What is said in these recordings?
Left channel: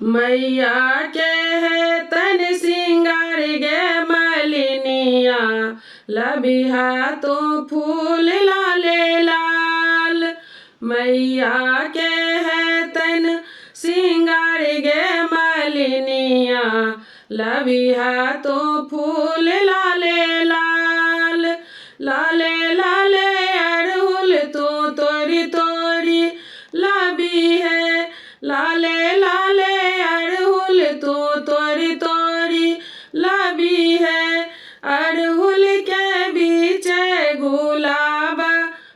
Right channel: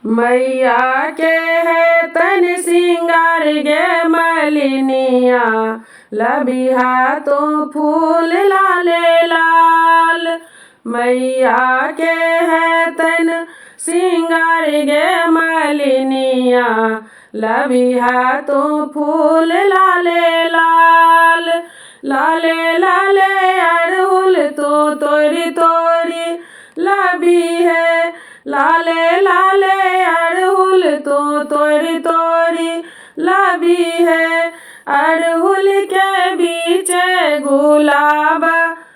मैया के है तन सिंगार गे मलिनिया, लबिहा तो फूल लाले लाल। मैया के है तन सिंगार गे मलिनिया, लबिहा तो फूल लाले लाल। लाले लाले अड़हुल तो तोड़ी तोड़ी लबी है, लाले लाले अड़हुल तो तोड़ी तोड़ी लबी है। अड़हुल के बीच गुलाब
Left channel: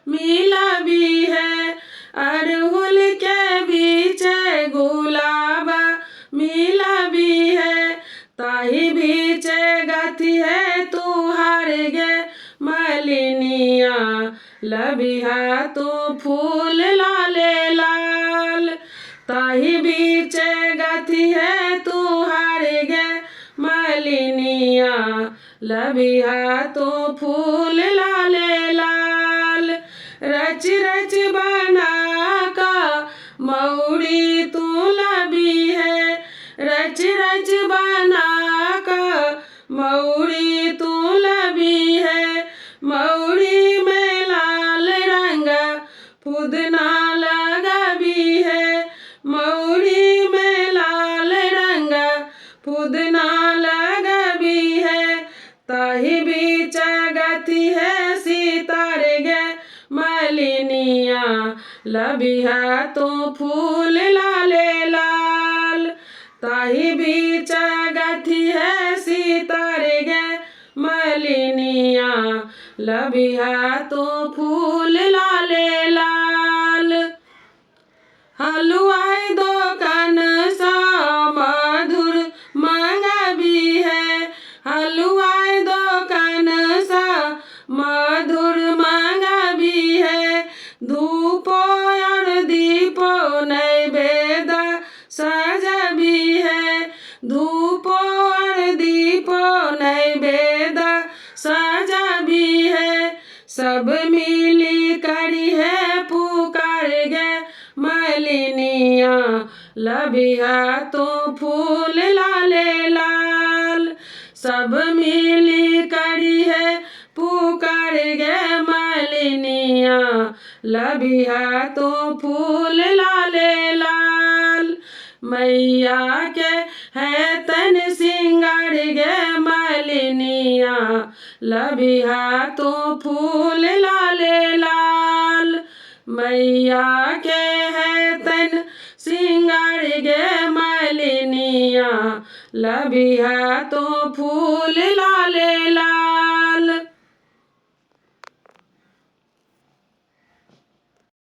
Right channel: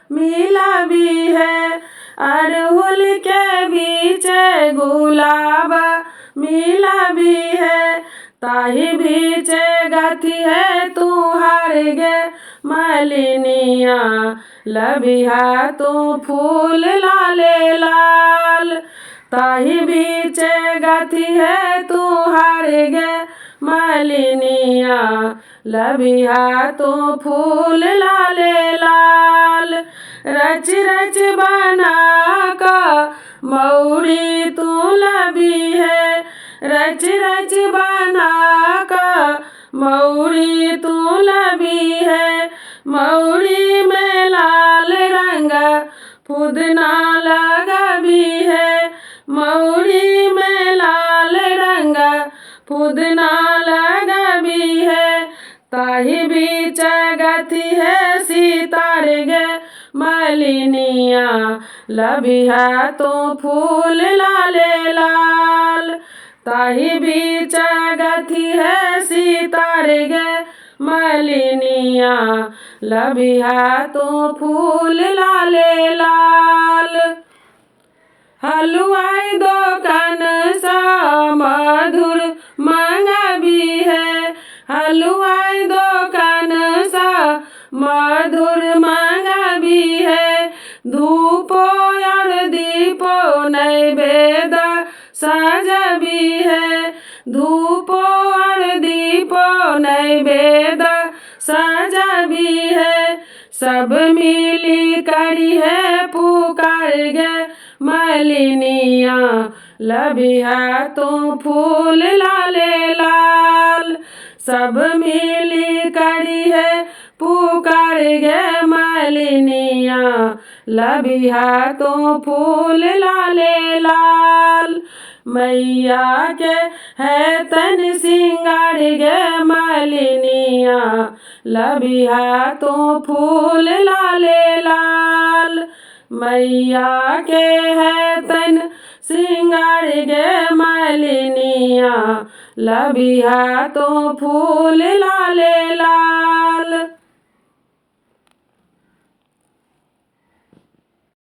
मिला भी है, अड़हुल के बीच गुलाब मिला भी है। ताही बीच गति है तुहार गे मलिनिया, लबिहा तो फूल लाले लाल। ताही बीच गति है तुहार गे मलिनिया, लबिहा तो फूल लाले लाल। रच रच बना का मौड़ी तू लबी है, रच रच बना का मौड़ी तू लबी है। मौड़ी में लाल रंग पुदना लगा भी है, मौड़ी में लाल रंग पुदना लगा भी है। ताही बीच गति है सितार गे मलिनिया, लबिहा तो फूल लाले लाल। ताही बीच गति है सितार गे मलिनिया, लबिहा तो फूल लाले लाल। हलवाई दुकान सा मधुर मांगा भी है, हलवाई दुकान सा मधुर मांगा भी है। धूपो और दीपो नैवेद्य साजा भी है, धूपो और दीपो नैवेद्य साजा भी है। सब मिली करी है पुकार गे मलिनिया, लबिहा तो फूल लाले लाल। सब मिली करी है पुकार गे मलिनिया, लबिहा तो फूल लाले लाल। मैया के है तन सिंगार गे मलिनिया, लबिहा तो फूल लाले लाल। मैया के है तन सिंगार गे मलिनिया, लबिहा तो फूल लाले